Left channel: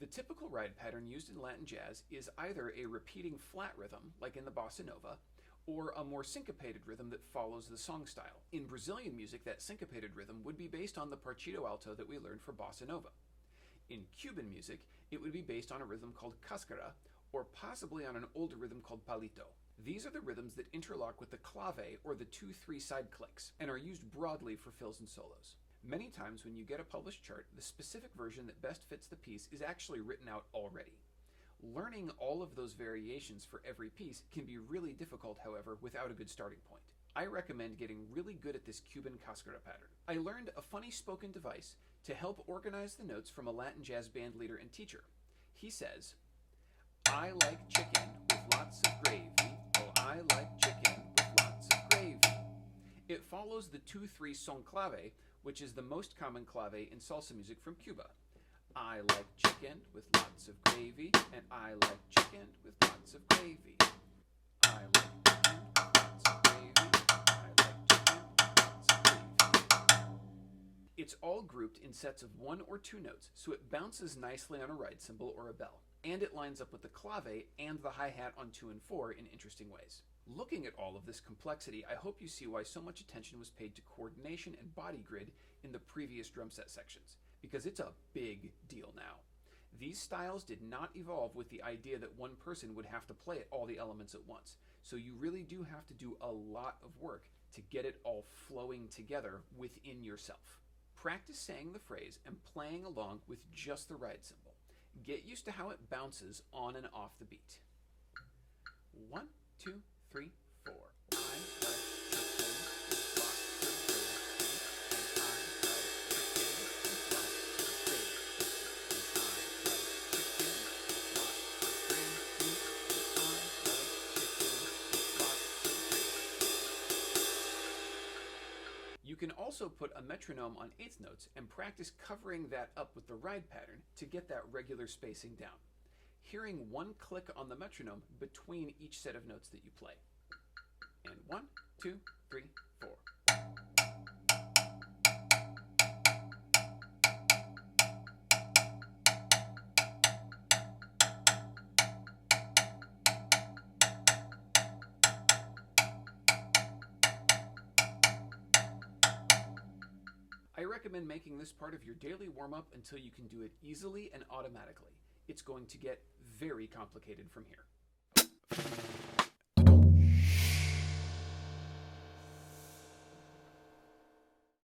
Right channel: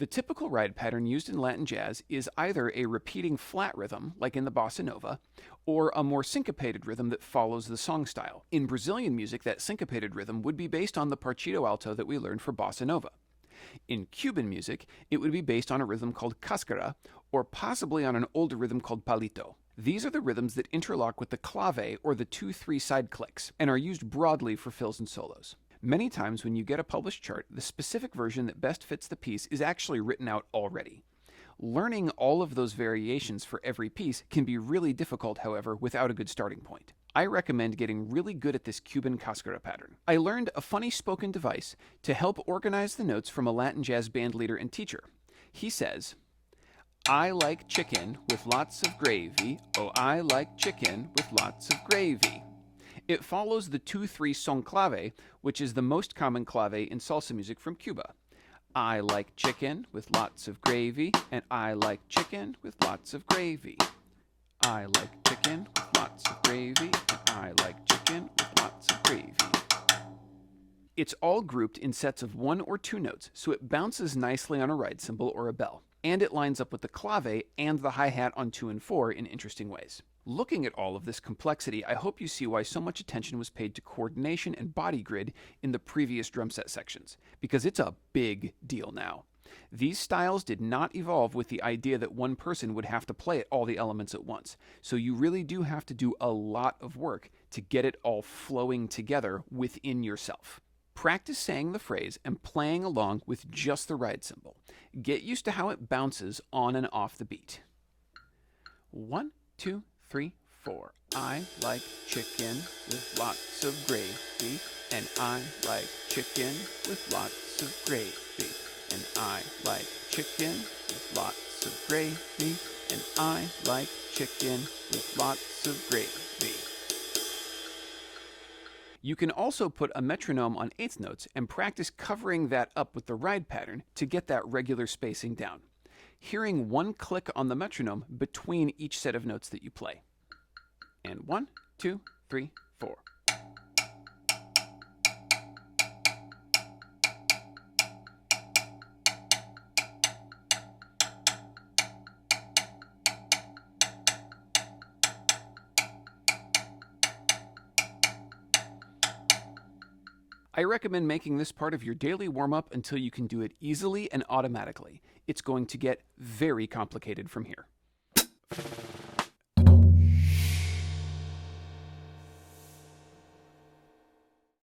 The typical ride pattern used in Latin jazz is either a repeating flat rhythm, like in the bossa nova, or a more syncopated rhythm that follows the song style. In Brazilian music, that syncopated rhythm would be based on the partido alto that we learned for bossa nova. In Cuban music, it would be based on a rhythm called cascara, or possibly on an older rhythm called palito. These are the rhythms that interlock with the clave, or the 2-3 side clicks, and are used broadly for fills and solos. Many times when you get a published chart, the specific version that best fits the piece is actually written out already. Learning all of those variations for every piece can be really difficult, however, without a good starting point. I recommend getting really good at this Cuban cascara pattern. I learned a funny spoken device to help organize the notes from a Latin jazz band leader and teacher. He says, "I like chicken with lots of gravy. Oh, I like chicken with lots of gravy." It follows the 2-3 son clave, which is the most common clave in salsa music from Cuba. I like chicken with lots of gravy, and I like chicken with lots of gravy. I like chicken with lots of gravy, and I like chicken with lots of gravy. It's all grouped in sets of 1 or 2 notes, so it bounces nicely on a ride cymbal or a bell, and it lines up with the clave and the hi-hat on 2 and 4 in interesting ways. Looking at all of this complexity, I hope you see why so much attention was paid to coordination and body grid in the previous drum set sections, because it's a big deal now. These styles did not evolve with the idea that one person would have to play all the elements at once, so you really do have to do a lot of work to get it all flowing together within yourself. Practice saying the phrase and playing along with just the ride cymbal. Get used to how it bounces on and off the beat. 1, 2, 3, 4. I like chicken with lots of gravy, and I like chicken with lots of gravy, and I like chicken with lots of gravy, and I like chicken with lots of gravy. You can also put a metronome on eighth notes and practice covering that up with the ride pattern to get that regular spacing down, hearing one click on the metronome between each set of notes that you play. And 1, 2, 3, 4. I recommend making this part of your daily warm-up until you can do it easily and automatically. It's going to get very complicated from here.